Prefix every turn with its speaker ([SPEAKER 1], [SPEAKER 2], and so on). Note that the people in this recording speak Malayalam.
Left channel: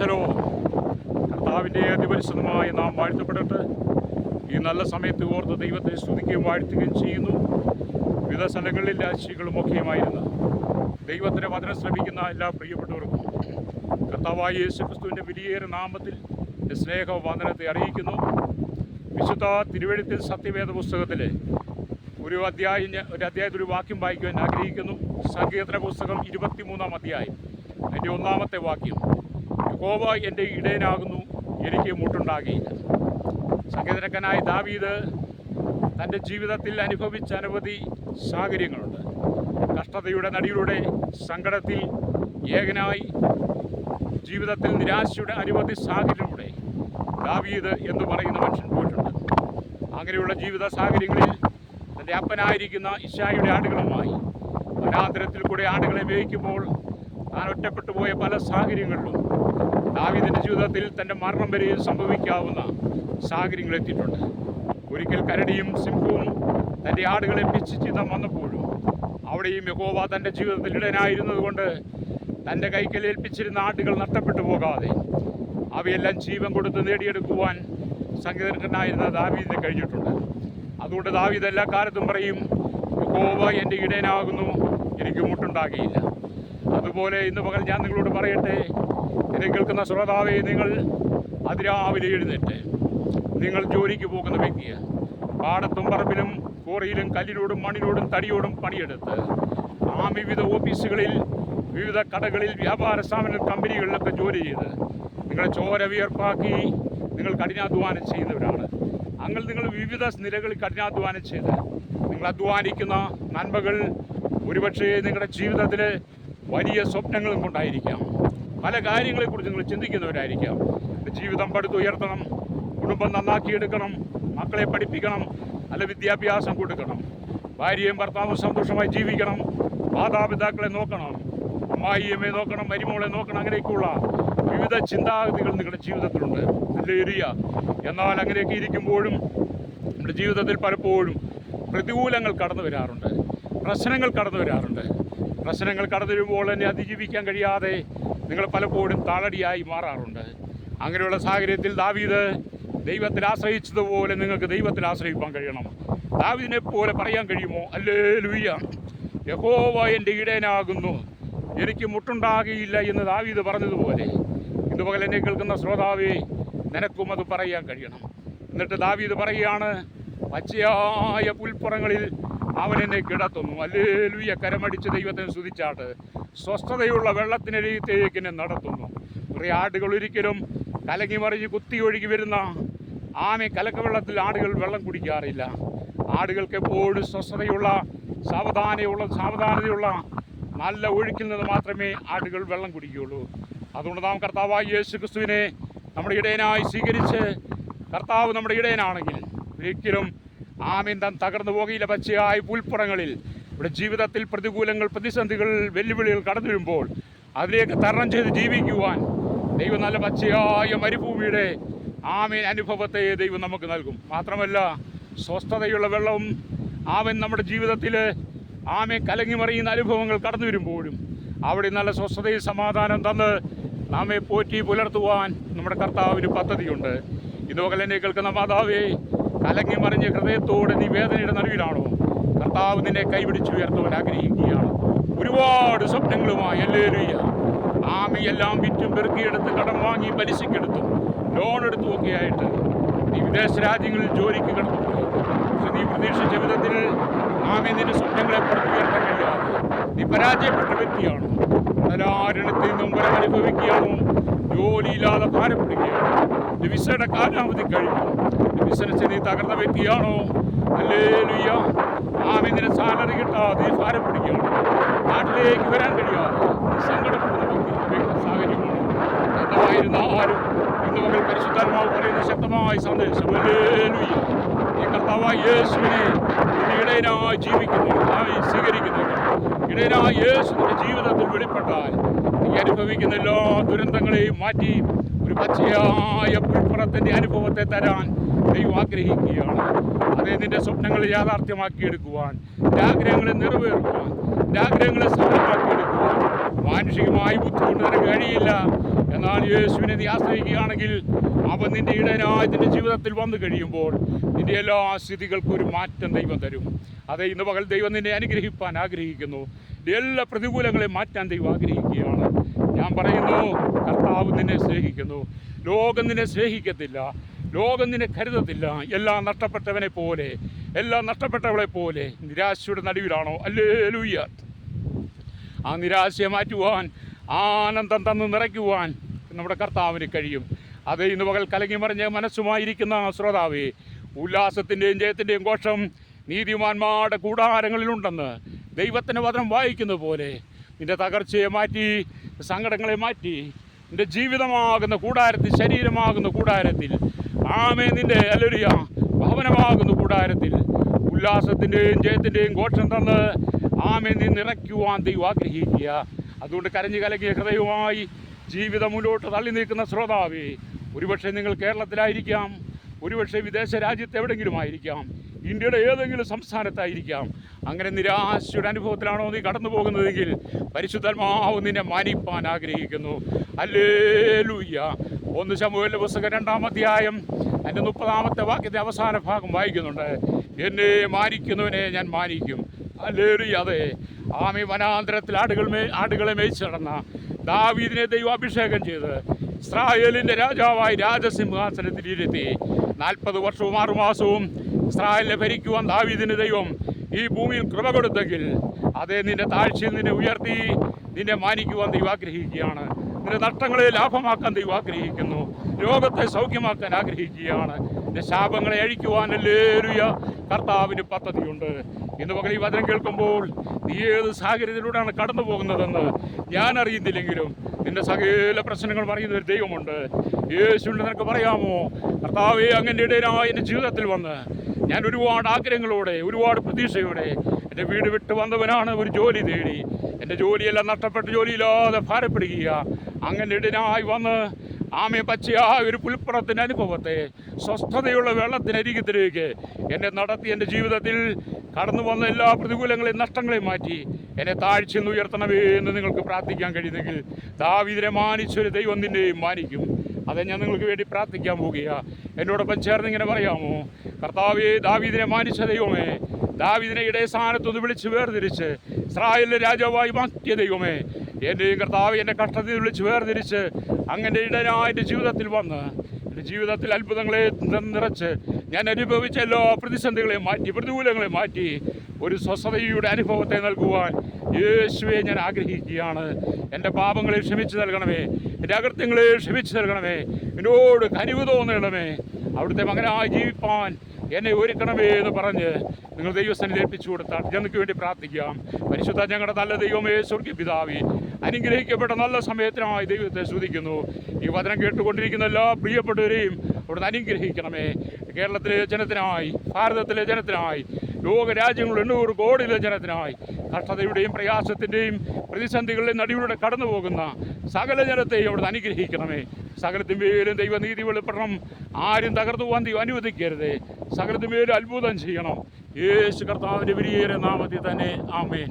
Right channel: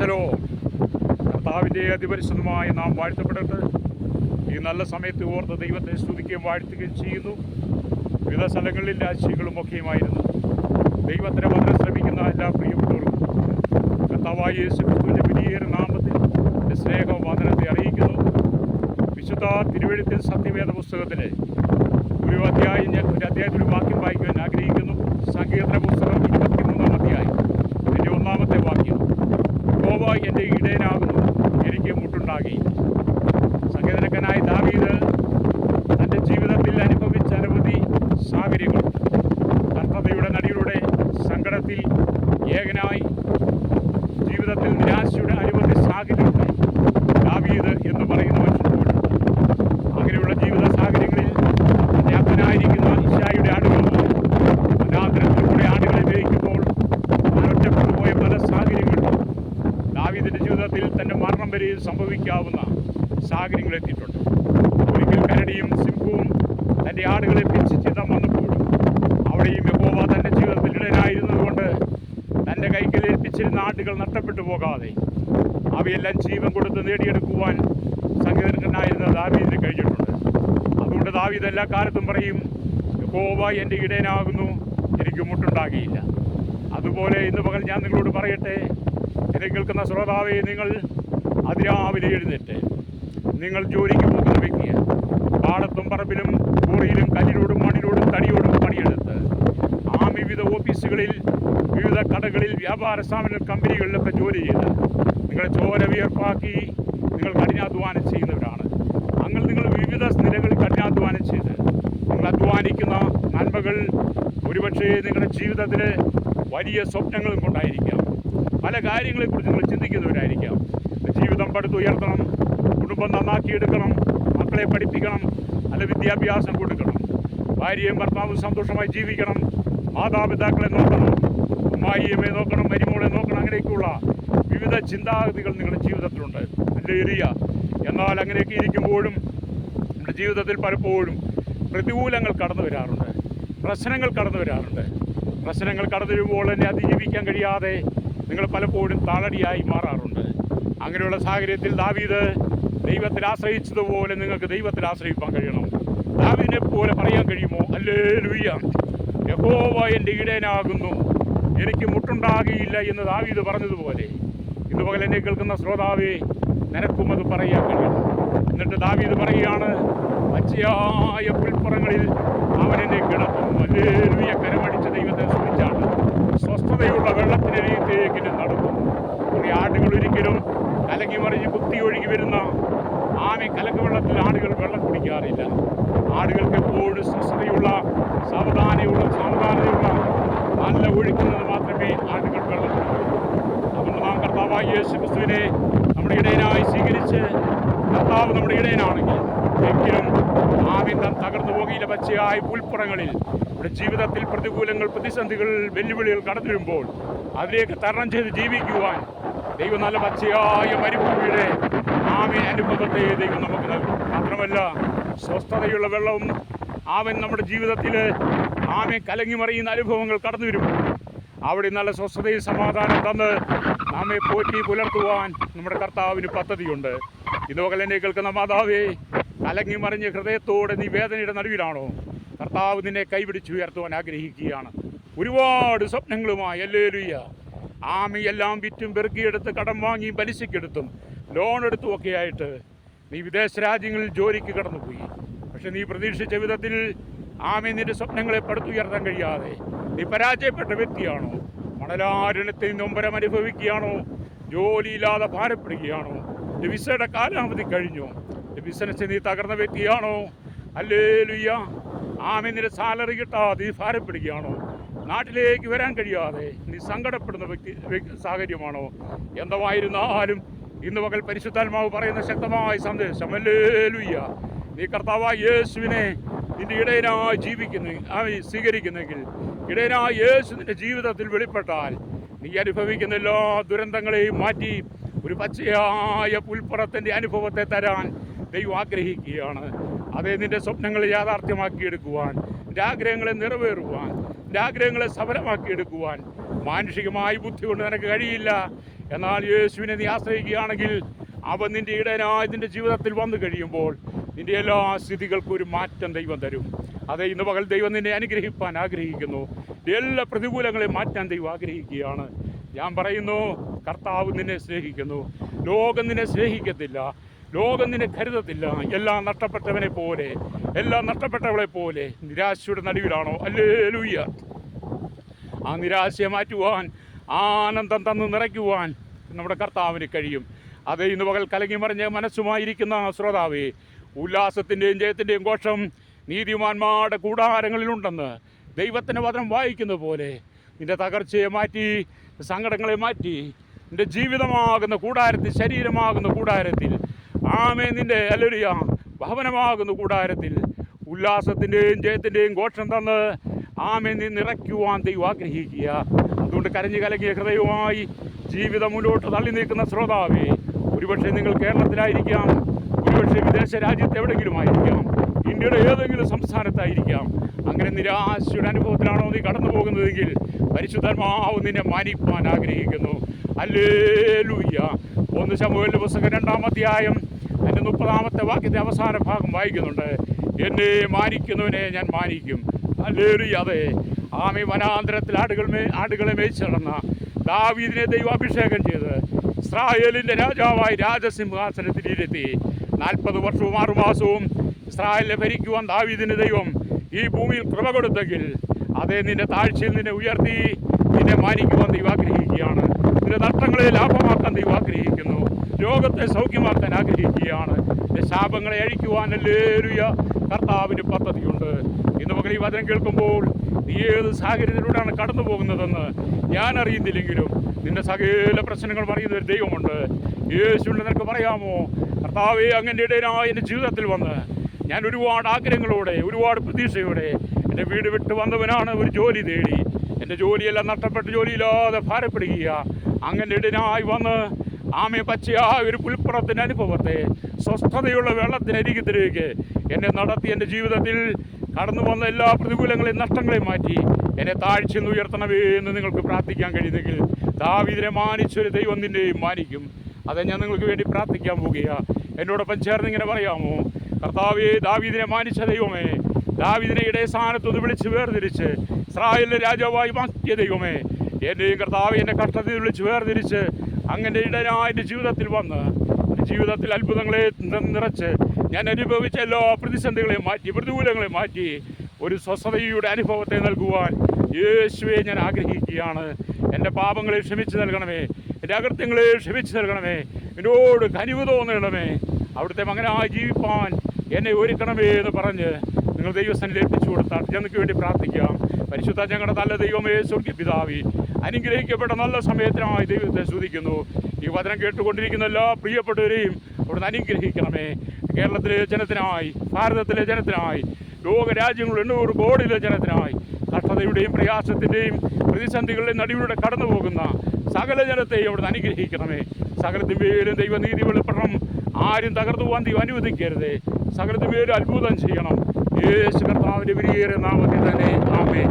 [SPEAKER 1] പ്രൈസലോ കർത്താവിന്റെ അതിപരിശുദ്ധമായി നാം വാഴ്ത്തപ്പെടട്ടെ. ഈ നല്ല സമയത്ത് ഓർത്ത് ദൈവത്തെ സ്തുതിക്കുകയും വാഴ്ത്തുകയും ചെയ്യുന്നു. വിവിധ സ്ഥലങ്ങളിൽ രാശികളും ഒക്കെയുമായിരുന്നു. ദൈവത്തിന് മധുരം ശ്രമിക്കുന്ന എല്ലാ പ്രിയപ്പെട്ടവർക്കും കർത്താവായ യേശു ക്രിസ്തുവിന്റെ വലിയേറെ നാമത്തിൽ സ്നേഹ വന്ദനത്തെ അറിയിക്കുന്നു. വിശുദ്ധ തിരുവഴുത്തിൽ സത്യവേദ പുസ്തകത്തിലെ ഒരു അധ്യായം ഒരു അധ്യായത്തിൽ ഒരു വാക്യം വായിക്കുവാൻ ആഗ്രഹിക്കുന്നു. സങ്കീർത്തന പുസ്തകം ഇരുപത്തിമൂന്നാം അധ്യായം. എന്റെ ഒന്നാമത്തെ വാക്യം. യഹോവ എന്റെ ഇടയനാകുന്നു. എനിക്ക് മുട്ടുണ്ടാകിയില്ല സംഗീതനക്കനായ ദാവീദ് തന്റെ ജീവിതത്തിൽ അനുഭവിച്ച അനവധി സാഹചര്യങ്ങളുണ്ട് കഷ്ടതയുടെ നടിയിലൂടെ സങ്കടത്തിൽ ഏകനായി ജീവിതത്തിൽ നിരാശയുടെ അനവധി സാഹചര്യമുണ്ടായി ദാവീദ് എന്ന് പറയുന്ന മനുഷ്യൻ പോയിട്ടുണ്ട്. അങ്ങനെയുള്ള ജീവിത സാഹചര്യങ്ങളിൽ തന്റെ അപ്പനായിരിക്കുന്ന ഇഷായുടെ ആടുകളുമായി വനാന്തരത്തിൽ കൂടെ ആടുകളെ വേവിക്കുമ്പോൾ താൻ ഒറ്റപ്പെട്ടു പോയ പല സാഹചര്യങ്ങളിലും ദാവീദിന്റെ ജീവിതത്തിൽ തന്റെ മരണം വരെ സംഭവിക്കാവുന്ന സാഹചര്യങ്ങൾ എത്തിയിട്ടുണ്ട്. ഒരിക്കൽ കരടിയും സിംഹവും തന്റെ ആടുകളെ പിച്ചിച്ചിതം വന്നപ്പോഴും അവിടെയും യഹോവ തന്റെ ജീവിതത്തിൽ ഇടനായിരുന്നതുകൊണ്ട് തന്റെ കൈക്കൽ ഏൽപ്പിച്ചിരുന്ന ആടുകൾ നഷ്ടപ്പെട്ടു പോകാതെ അവയെല്ലാം ജീവൻ കൊടുത്ത് നേടിയെടുക്കുവാൻ സംഗീതനായിരുന്ന ദാവീദിന് കഴിഞ്ഞിട്ടുണ്ട്. അതുകൊണ്ട് ദാവീദ് എല്ലാ കാലത്തും പറയും യഹോവ എന്റെ ഇടയനാകുന്നു എനിക്ക് മുട്ടുണ്ടാകിയില്ല. അതുപോലെ ഇന്ന് പകൽ ഞാൻ നിങ്ങളോട് പറയട്ടെ എന്നെ കേൾക്കുന്ന ശ്രോതാവെ നിങ്ങൾ അതിരാവിലെ എഴുന്നേറ്റ്. നിങ്ങൾ ജോലിക്ക് പോകുന്ന വ്യക്തിയാണ് പാടത്തും പറമ്പിലും കോറിയിലും കല്ലിനോടും മണ്ണിനോടും തടിയോടും പണിയെടുത്ത് ആ വിവിധ ഓഫീസുകളിൽ വിവിധ കടകളിൽ വ്യാപാര സ്ഥാപന കമ്പനികളിലൊക്കെ ജോലി ചെയ്ത് നിങ്ങളെ ചോര വിയർപ്പാക്കി നിങ്ങൾ കഠിനാധ്വാനം ചെയ്യുന്നവരാണ്. അങ്ങനെ നിങ്ങൾ വിവിധ നിലകളിൽ കഠിനാധ്വാനം ചെയ്ത് നിങ്ങൾ അധ്വാനിക്കുന്ന നന്മകൾ ഒരുപക്ഷേ നിങ്ങളുടെ ജീവിതത്തിൽ വലിയ സ്വപ്നങ്ങളും കൊണ്ടായിരിക്കാം. പല കാര്യങ്ങളെക്കുറിച്ച് നിങ്ങൾ ചിന്തിക്കുന്നവരായിരിക്കാം. ജീവിതം പടുത്തുയർത്തണം കുടുംബം നന്നാക്കിയെടുക്കണം മക്കളെ പഠിപ്പിക്കണം നല്ല വിദ്യാഭ്യാസം കൊടുക്കണം ഭാര്യയും ഭർത്താവും സന്തോഷമായി ജീവിക്കണം മാതാപിതാക്കളെ നോക്കണം അമ്മായിയമ്മയെ നോക്കണം മരുമോളെ നോക്കണം അങ്ങനെയൊക്കെയുള്ള വിവിധ ചിന്താഗതികൾ നിങ്ങളുടെ ജീവിതത്തിലുണ്ട്. ഏരിയ എന്നാൽ അങ്ങനെയൊക്കെ ഇരിക്കുമ്പോഴും നമ്മുടെ ജീവിതത്തിൽ പലപ്പോഴും പ്രതികൂലങ്ങൾ കടന്നു വരാറുണ്ട്. പ്രശ്നങ്ങൾ കടന്നു വരാറുണ്ട്. പ്രശ്നങ്ങൾ കടന്നു വരുമ്പോൾ തന്നെ അതിജീവിക്കാൻ കഴിയാതെ നിങ്ങൾ പലപ്പോഴും താളടിയായി മാറാറുണ്ട്. അങ്ങനെയുള്ള സാഹചര്യത്തിൽ ദാവീദ് ദൈവത്തിൽ ആശ്രയിച്ചതുപോലെ നിങ്ങൾക്ക് ദൈവത്തിൽ ആശ്രയിക്കാൻ കഴിയണം. ദാവീദിനെ പോലെ പറയാൻ കഴിയുമോ? അല്ലേ ലുയ്യ യഹോവ എന്റെ ഇടയനാകുന്നു എനിക്ക് മുട്ടുണ്ടാകിയില്ല എന്ന് ദാവീദ് പറഞ്ഞതുപോലെ. ഇന്ന് പകൽ എന്നെ കേൾക്കുന്ന ശ്രോതാവേ നിനക്കും അത് പറയാൻ കഴിയണം. എന്നിട്ട് ദാവീദ് പറയുകയാണ് പച്ചയായ പുൽപ്പുറങ്ങളിൽ അവൻ എന്നെ കിടത്തും. അല്ലേലുയ കരമടിച്ച് ദൈവത്തെ സ്തുതിച്ചാണ്. സ്വസ്ഥതയുള്ള വെള്ളത്തിനരികത്തേക്ക് നടക്കും. കുറേ ആടുകൾ ഒരിക്കലും കലങ്ങി മറിഞ്ഞ് കുത്തി ഒഴുകി വരുന്ന ആമി കലക്കവെള്ളത്തിൽ ആടുകൾ വെള്ളം കുടിക്കാറില്ല. ആടുകൾക്ക് എപ്പോഴും സ്വസ്ഥതയുള്ള സാവധാനയുള്ള സാവധാനതയുള്ള നല്ല ഒഴിക്കുന്നത് മാത്രമേ ആടുകൾ വെള്ളം കുടിക്കുകയുള്ളൂ. അതുകൊണ്ട് നാം കർത്താവായ യേശു ക്രിസ്തുവിനെ നമ്മുടെ ഇടയനായി സ്വീകരിച്ച് കർത്താവ് നമ്മുടെ ഇടയനാണെങ്കിൽ എങ്കിലും ആമിന്തം തകർന്നു പോകയില്ല. പച്ചയായ പുൽപ്പുറങ്ങളിൽ നമ്മുടെ ജീവിതത്തിൽ പ്രതികൂലങ്ങൾ പ്രതിസന്ധികൾ വെല്ലുവിളികൾ കടന്നു വരുമ്പോൾ അതിലേക്ക് തരണം ചെയ്ത് ജീവിക്കുവാൻ ദൈവം നല്ല പച്ചയായ മരുഭൂമിയുടെ ആമീൻ അനുഭവത്തെ ദൈവം നമുക്ക് നൽകും. മാത്രമല്ല സ്വസ്ഥതയുള്ള വെള്ളവും ആമൻ നമ്മുടെ ജീവിതത്തിൽ ആമെ കലങ്ങി മറിയുന്ന അനുഭവങ്ങൾ കടന്നു വരുമ്പോൾ അവിടെ നല്ല സ്വസ്ഥതയും സമാധാനം തന്ന് നാമെ പോറ്റി പുലർത്തുവാൻ നമ്മുടെ കർത്താവിന് പദ്ധതിയുണ്ട്. എന്നെ കേൾക്കുന്ന മാതാവേ കലങ്ങി മറിഞ്ഞ് ഹൃദയത്തോടെ നീ വേദനയുടെ നടുവിലാണോ? കർത്താവ് നിന്നെ കൈപിടിച്ച് ഉയർത്തുവാൻ ആഗ്രഹിക്കുകയാണ്. ഒരുപാട് സ്വപ്നങ്ങളുമായി അല്ലേലുയ്യ ആമയെല്ലാം വിറ്റും പെറുക്കിയെടുത്ത് കടം വാങ്ങി പലിശക്കെടുത്തും ലോൺ എടുത്തും ഒക്കെ ആയിട്ട് നീ വിദേശ രാജ്യങ്ങളിൽ ജോലിക്ക് കിടന്നു. പക്ഷെ നീ പ്രതീക്ഷിച്ച വിധത്തിൽ ആമ നിന്റെ സ്വപ്നങ്ങളെ പടുത്തുയർത്താൻ കഴിയാതെ. നീ പരാജയപ്പെട്ട വ്യക്തിയാണോ? മണലാരണത്തിൽ നൊമ്പരം അനുഭവിക്കുകയാണോ? ജോലിയില്ലാതെ ഭാരപ്പെടുകയാണോ? വിസയുടെ കാലാവധി കഴിഞ്ഞു. ബിസിനസ് നീ തകർന്ന വ്യക്തിയാണോ? അല്ലേ ലുയ്യ ആമി നിന്റെ സാലറി കിട്ടാതെ ഭാരം പിടിക്കുകയാണ്. നാട്ടിലേക്ക് വരാൻ കഴിയാതെ സങ്കടപ്പെടുന്ന വ്യക്തി സാഹചര്യമാണോ? എന്തായിരുന്നാലും ഇന്ന് മകൾ പരിശുദ്ധാത്മാവ് പറയുന്ന ശക്തമായ സന്ദേശം. അല്ലേലുയ്യ. ഈ കർത്താവായ യേശുവിനെ ഇന്ന് ഇടയനായി ജീവിക്കുന്നെങ്കിൽ സ്വീകരിക്കുന്നെങ്കിൽ ഇടയനായ യേശുവിന്റെ ജീവിതത്തിൽ വെളിപ്പെട്ടാൽ നീ അനുഭവിക്കുന്ന എല്ലാ ദുരന്തങ്ങളെയും മാറ്റി ഒരു പച്ചയായ പുൽപ്പുറത്തിന്റെ അനുഭവത്തെ തരാൻ ദൈവം ആഗ്രഹിക്കുകയാണ്. അതേ നിന്റെ സ്വപ്നങ്ങൾ യാഥാർത്ഥ്യമാക്കിയെടുക്കുവാൻ എന്റെ ആഗ്രഹങ്ങളെ നിറവേറുവാൻ എന്റെ ആഗ്രഹങ്ങളെ സഫലമാക്കിയെടുക്കുവാൻ മാനുഷികമായി ബുദ്ധി കൊണ്ട് നിനക്ക് കഴിയില്ല. എന്നാൽ യേശുവിനെ നീ ആശ്രയിക്കുകയാണെങ്കിൽ അവൻ നിന്റെ ഇടനായി നിന്റെ ജീവിതത്തിൽ വന്നു കഴിയുമ്പോൾ നിന്റെ എല്ലാ സ്ഥിതികൾക്കും ഒരു മാറ്റം ദൈവം തരും. അതെ ഇന്ന് പകൽ ദൈവം നിന്നെ അനുഗ്രഹിപ്പാൻ ആഗ്രഹിക്കുന്നു. എല്ലാ പ്രതികൂലങ്ങളെയും മാറ്റാൻ ദൈവം ആഗ്രഹിക്കുകയാണ്. ഞാൻ പറയുന്നു കർത്താവ് നിന്നെ സ്നേഹിക്കുന്നു. ലോകം നിന്നെ സ്നേഹിക്കത്തില്ല. ലോകം നിന്നെ കരുതത്തില്ല. എല്ലാം നഷ്ടപ്പെട്ടവനെ പോലെ. എല്ലാം നഷ്ടപ്പെട്ടവളെ പോലെ. നിരാശയുടെ നടുവിലാണോ? അല്ലേ ലൂയ്യ ആ നിരാശയെ മാറ്റുവാൻ ആനന്ദം തന്ന് നിറയ്ക്കുവാൻ നമ്മുടെ കർത്താവിന് കഴിയും. അത് ഇന്ന് പകൽ കലങ്ങി മറിഞ്ഞ മനസ്സുമായിരിക്കുന്ന ശ്രോതാവേ ഉല്ലാസത്തിന്റെയും ജയത്തിന്റെയും ഘോഷം നീതിമാന്മാരുടെ കൂടാരങ്ങളിലുണ്ടെന്ന് ദൈവത്തിന്റെ വചനം വായിക്കുന്ന പോലെ നിന്റെ തകർച്ചയെ മാറ്റി സങ്കടങ്ങളെ മാറ്റി നിന്റെ ജീവിതമാകുന്ന കൂടാരത്തിൽ ശരീരമാകുന്ന കൂടാരത്തിൽ ആമേ നിന്റെ അലരിയ ഭവനമാകുന്നു കൂടാരത്തിൽ. ഉല്ലാസത്തിന്റെയും ജയത്തിന്റെയും ഘോഷം തന്ന് ആമേ നീ നിറയ്ക്കുവാൻ ദൈവം ആഗ്രഹിക്കുക. അതുകൊണ്ട് കരഞ്ഞു കലങ്ങിയ ഹൃദയവുമായി ജീവിതം മുന്നോട്ട് തള്ളി നീക്കുന്ന ശ്രോതാവേ ഒരുപക്ഷെ നിങ്ങൾ കേരളത്തിലായിരിക്കാം ഒരുപക്ഷെ വിദേശ രാജ്യത്ത് എവിടെയെങ്കിലും ആയിരിക്കാം ഇന്ത്യയുടെ ഏതെങ്കിലും സംസ്ഥാനത്തായിരിക്കാം. അങ്ങനെ നിരാശയുടെ അനുഭവത്തിലാണോ നീ കടന്നു പോകുന്നതെങ്കിൽ പരിശുദ്ധമാവ് നിന്നെ മാനിപ്പാൻ ആഗ്രഹിക്കുന്നു. അല്ലേ ഒന്ന് ശമുവേലിന്റെ പുസ്തകം രണ്ടാം അധ്യായം അതിന്റെ മുപ്പതാമത്തെ വാക്യത്തെ അവസാന ഭാഗം വായിക്കുന്നുണ്ട്. എന്നെ മാനിക്കുന്നവനെ ഞാൻ മാനിക്കും. അല്ലേറി അതെ ആമി വനാന്തരത്തിൽ ആടുകൾ മേ ആടുകളെ മേയിച്ചു നടന്ന ദാവീദിനെ ദൈവം അഭിഷേകം ചെയ്ത് ഇസ്രായേലിന്റെ രാജാവായി രാജസിംഹാസനത്തിൽ ഇരുത്തി. നാൽപ്പത് വർഷവും ആറുമാസവും ഇസ്രായേലിനെ ഭരിക്കുവാൻ ദാവീദിന് ദൈവം ഈ ഭൂമിയിൽ കൃപ കൊടുത്തെങ്കിൽ അതേ നിന്റെ താഴ്ചയിൽ നിന്നെ ഉയർത്തി നിന്നെ മാനിക്കുവാൻ ദൈവം ആഗ്രഹിക്കുകയാണ്. നിന്റെ നഷ്ടങ്ങളെ ലാഭമാക്കാൻ ദൈവം ആഗ്രഹിക്കുന്നു. രോഗത്തെ സൗഖ്യമാക്കാൻ ആഗ്രഹിക്കുകയാണ്. ശാപങ്ങളെ അഴിക്കുവാനല്ലേരുയ കർത്താവിന് പദ്ധതിയുണ്ട്. ഇന്ന് പകൽ ഈ വചനം കേൾക്കുമ്പോൾ നീ ഏത് സാഹചര്യത്തിലൂടെയാണ് കടന്നു പോകുന്നതെന്ന് ഞാൻ അറിയുന്നില്ലെങ്കിലും നിന്റെ സകല പ്രശ്നങ്ങൾ പറയുന്ന ഒരു ദൈവമുണ്ട്. യേശുവിന് നിനക്ക് പറയാമോ? കർത്താവെ അങ്ങനെ ഇടയിലായ എന്റെ ജീവിതത്തിൽ വന്ന് ഞാൻ ഒരുപാട് ആഗ്രഹങ്ങളോടെ ഒരുപാട് പ്രതീക്ഷയോടെ എന്റെ വീട് വിട്ട് വന്നവനാണ് ഒരു ജോലി തേടി. എന്റെ ജോലിയെല്ലാം നഷ്ടപ്പെട്ട ജോലിയില്ലാതെ ഭാരപ്പെടുക അങ്ങനെ ഇടനായി വന്ന് ആമയെ പച്ചയാ ഒരു പുൽപ്പുറത്തിന്റെ അനുഭവത്തെ സ്വസ്ഥതയുള്ള വെള്ളത്തിനരികത്തിലേക്ക് എന്നെ നടത്തി എന്റെ ജീവിതത്തിൽ കടന്നു വന്ന എല്ലാ പ്രതികൂലങ്ങളെയും നഷ്ടങ്ങളെയും മാറ്റി എന്നെ താഴ്ച നിന്ന് ഉയർത്തണമേ എന്ന് നിങ്ങൾക്ക് പ്രാർത്ഥിക്കാൻ കഴിയുന്നെങ്കിൽ ദാവിദിനെ മാനിച്ചൊരു ദൈവം നിന്നെയും മാനിക്കും. അത് ഞാൻ നിങ്ങൾക്ക് വേണ്ടി പ്രാർത്ഥിക്കാൻ പോവുകയാണ് എന്നോടൊപ്പം ചേർന്ന് ഇങ്ങനെ പറയാമോ? കർത്താവേ ദാവീദിനെ മാനിച്ച ദൈവമേ ദാവീദിനെ ഇടയ സ്ഥാനത്തൊന്ന് വിളിച്ച് വേർതിരിച്ച് ഇസ്രായേലിലെ രാജാവായി മാറ്റിയ ദൈവമേ എന്റെയും കർത്താവ് എന്റെ കഷ്ടത്തിൽ വിളിച്ച് വേർതിരിച്ച് അങ്ങനെ എന്റെ ജീവിതത്തിൽ വന്ന് ജീവിതത്തിൽ അത്ഭുതങ്ങളെ നിറച്ച് ഞാൻ അനുഭവിച്ച എല്ലാ പ്രതിസന്ധികളെയും മാറ്റി പ്രതികൂലങ്ങളെ മാറ്റി ഒരു സ്വസ്ഥതയുടെ അനുഭവത്തെ നൽകുവാൻ യേശുവെ ഞാൻ ആഗ്രഹിക്കുകയാണ്. എന്റെ പാപങ്ങളെ ക്ഷമിച്ച് നൽകണമേ എന്റെ അകൃത്യങ്ങളെ ക്ഷമിച്ചു നൽകണമേ എന്നോട് കനിവ് തോന്നണമേ. അവിടുത്തെ മകനായി ജീവിപ്പാൻ എന്നെ ഒരുക്കണമേ എന്ന് പറഞ്ഞ് നിങ്ങൾ ദൈവസ്ഥാനിൽ ഏൽപ്പിച്ചു കൊടുത്താൽ ഞങ്ങൾക്ക് വേണ്ടി പ്രാർത്ഥിക്കാം. പരിശുദ്ധ ഞങ്ങളുടെ നല്ല ദൈവമേ സ്വർഗ പിതാവി അനുഗ്രഹിക്കപ്പെട്ട നല്ല സമയത്തിനായി ദൈവത്തെ സ്തുതിക്കുന്നു. ഈ വചനം കേട്ടുകൊണ്ടിരിക്കുന്ന എല്ലാ പ്രിയപ്പെട്ടവരെയും അവിടുന്ന് അനുഗ്രഹിക്കണമേ. കേരളത്തിലെ ജനത്തിനായി ഭാരതത്തിലെ ജനത്തിനായി ലോകരാജ്യങ്ങൾ എണ്ണൂറ് കോടിയിലെ ജനത്തിനായി കഷ്ടതയുടെയും പ്രയാസത്തിന്റെയും പ്രതിസന്ധികളുടെ നടുവിലൂടെ കടന്നു പോകുന്ന സകല ജനത്തെയും അവിടുന്ന് അനുഗ്രഹിക്കണമേ. സകലത്തിന്മേലും ദൈവനീതി വെളിപ്പെടണം. ആരും തകർന്നു പോകാൻ ദൈവം അനുവദിക്കരുത്. സകലത്തിന്മേലും അത്ഭുതം ചെയ്യണം. യേശു കർത്താവിന്റെ വിരിയേറെ നാമത്തിൽ തന്നെ. ആമേ